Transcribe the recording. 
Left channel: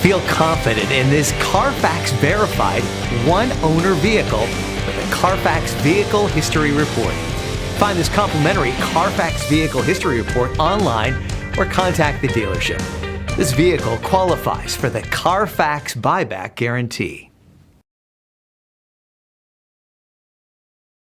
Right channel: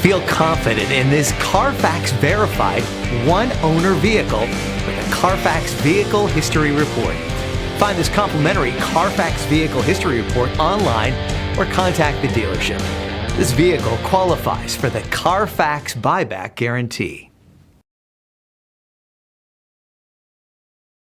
Feel confident in this Carfax verified one-owner vehicle with a Carfax Vehicle History Report. Find this complimentary Carfax Vehicle History Report online or contact the dealership. This vehicle qualifies for the Carfax Buyback Guarantee.